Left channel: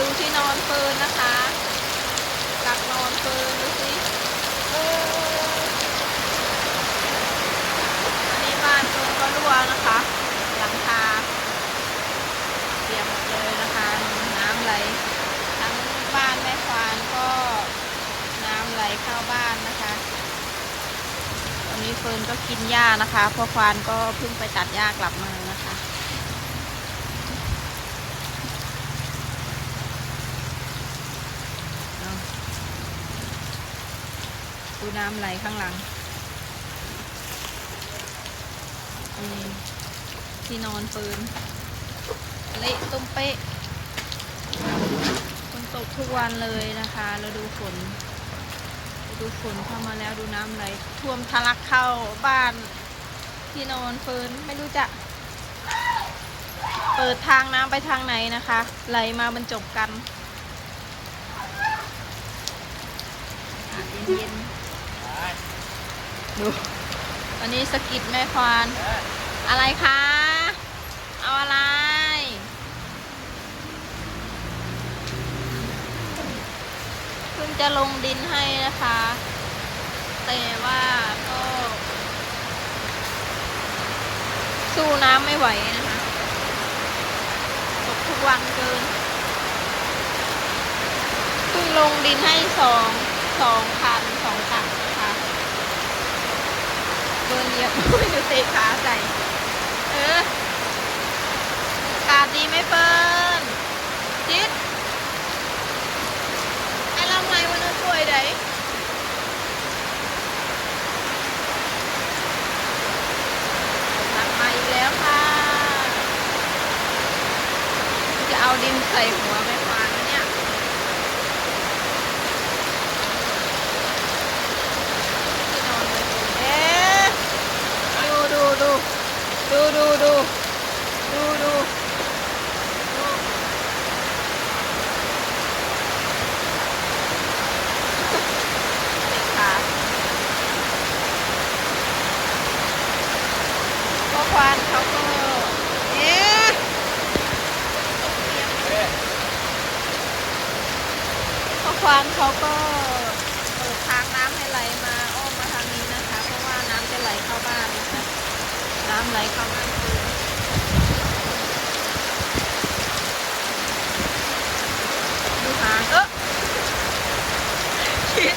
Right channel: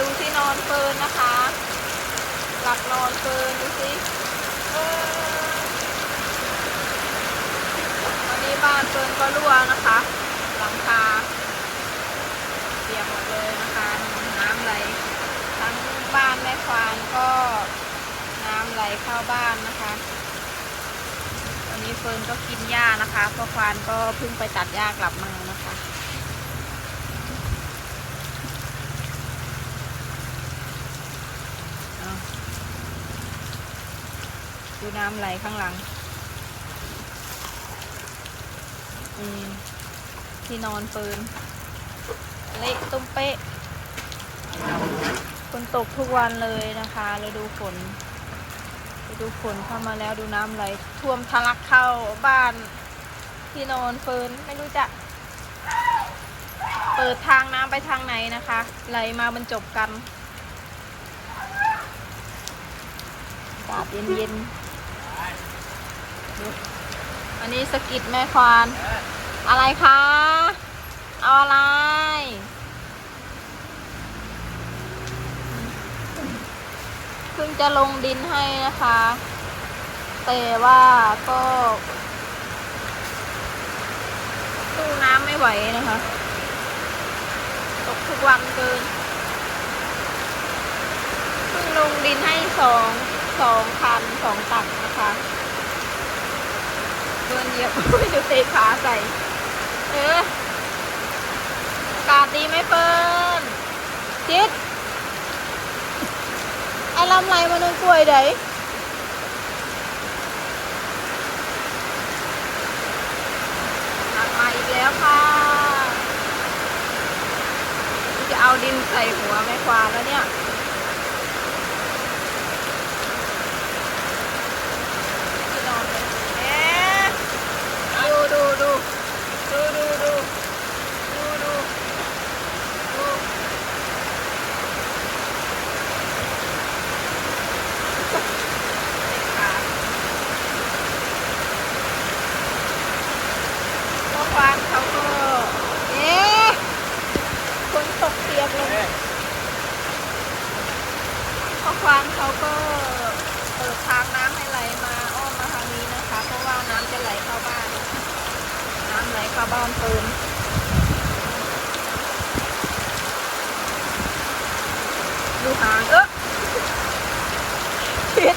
ดูที่นอนเฟิร์นนะคะ หลักนอนเฟิร์นดูสิวันนี้บ้านเฟิร์นก็รั่วนะคะ หลังคาเปียกหมดเลยนะคะน้ำไหลทั้งบ้านแม่ควานก็น้ำไหลเข้าบ้านนะคะตอนนี้เฟิร์นก็กินหญ้านะคะเพราะควานก็เพิ่งไปตัดหญ้ากลับมา ดูน้ำไหลข้างหลังนี่ที่นอนเฟินเละตุ้มเป๊ะฝนตกทุกวันเลยนะคะฤดูฝนดูฝนเข้ามาแล้วดูน้ำไหลท่วมทะลักเข้าบ้านที่นอนเฟินไม่รู้จะ เปิดทางน้ำไปทางไหนนะคะ ไหลมาบรรจบกันอากาศเย็นๆ ดูอันนี้สกิดแม่ควานอะไรคะ เอาอะไรเพิ่งจะลงดินให้นะคะ แต่ว่าก็ สู้น้ำไม่ไหวนะคะ ตกทุกวันเกินเพิ่งลงดินให้สอง สองคันสองตักนะคะเบิร์นเหยียบไม่ดูเตะขาใส่ เออากาศดีไหมเฟิร์นจิตไอ้ลำไรมันยังป่วยไดหนักมาอีกแล้วค่ะ จะเอาดินใส่หัวแม่ควานแล้วเนี่ย ไหลเข้าบ้านตูนดูหางเออคิด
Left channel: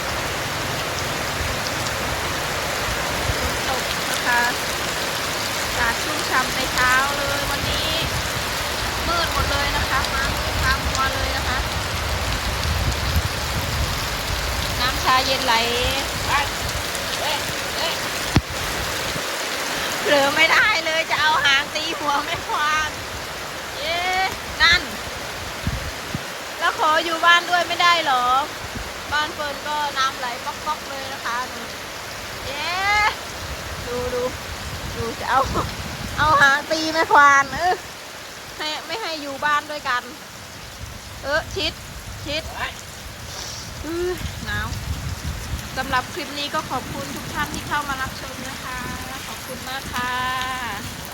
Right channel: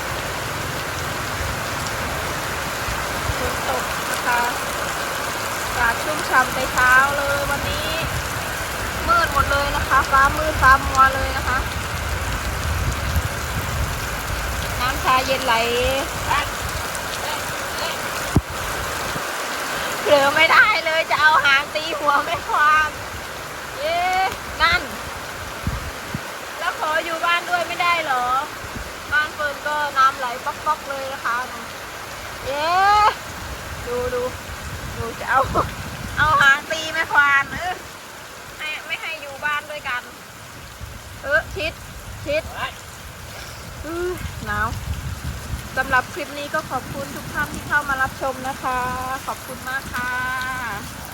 ฝนตกนะคะอากาศชุ่มฉ่ำในเช้าเลยวันนี้ มืดหมดเลยนะคะ ฟ้ามืดฟ้ามัวเลยนะคะ น้ำชาเย็นไหลเผ ลือไม่ได้เลยจะเอาหางตีหัวไม่ควานเย้นั่น แล้วขออยู่บ้านด้วยไม่ได้เหรอ บ้านเฟิร์นก็น้ำไหลป๊อกๆเลยนะคะหนูเย้ดูดูดูจะเอาเอาหางตีไม่ควานเออให้ไม่ให้อยู่บ้านด้วยกัน เออชิดชิดอื้อหนาว สำหรับคลิปนี้ก็ขอบคุณทุกท่านที่เข้ามารับชมนะคะ ขอบคุณมากค่ะ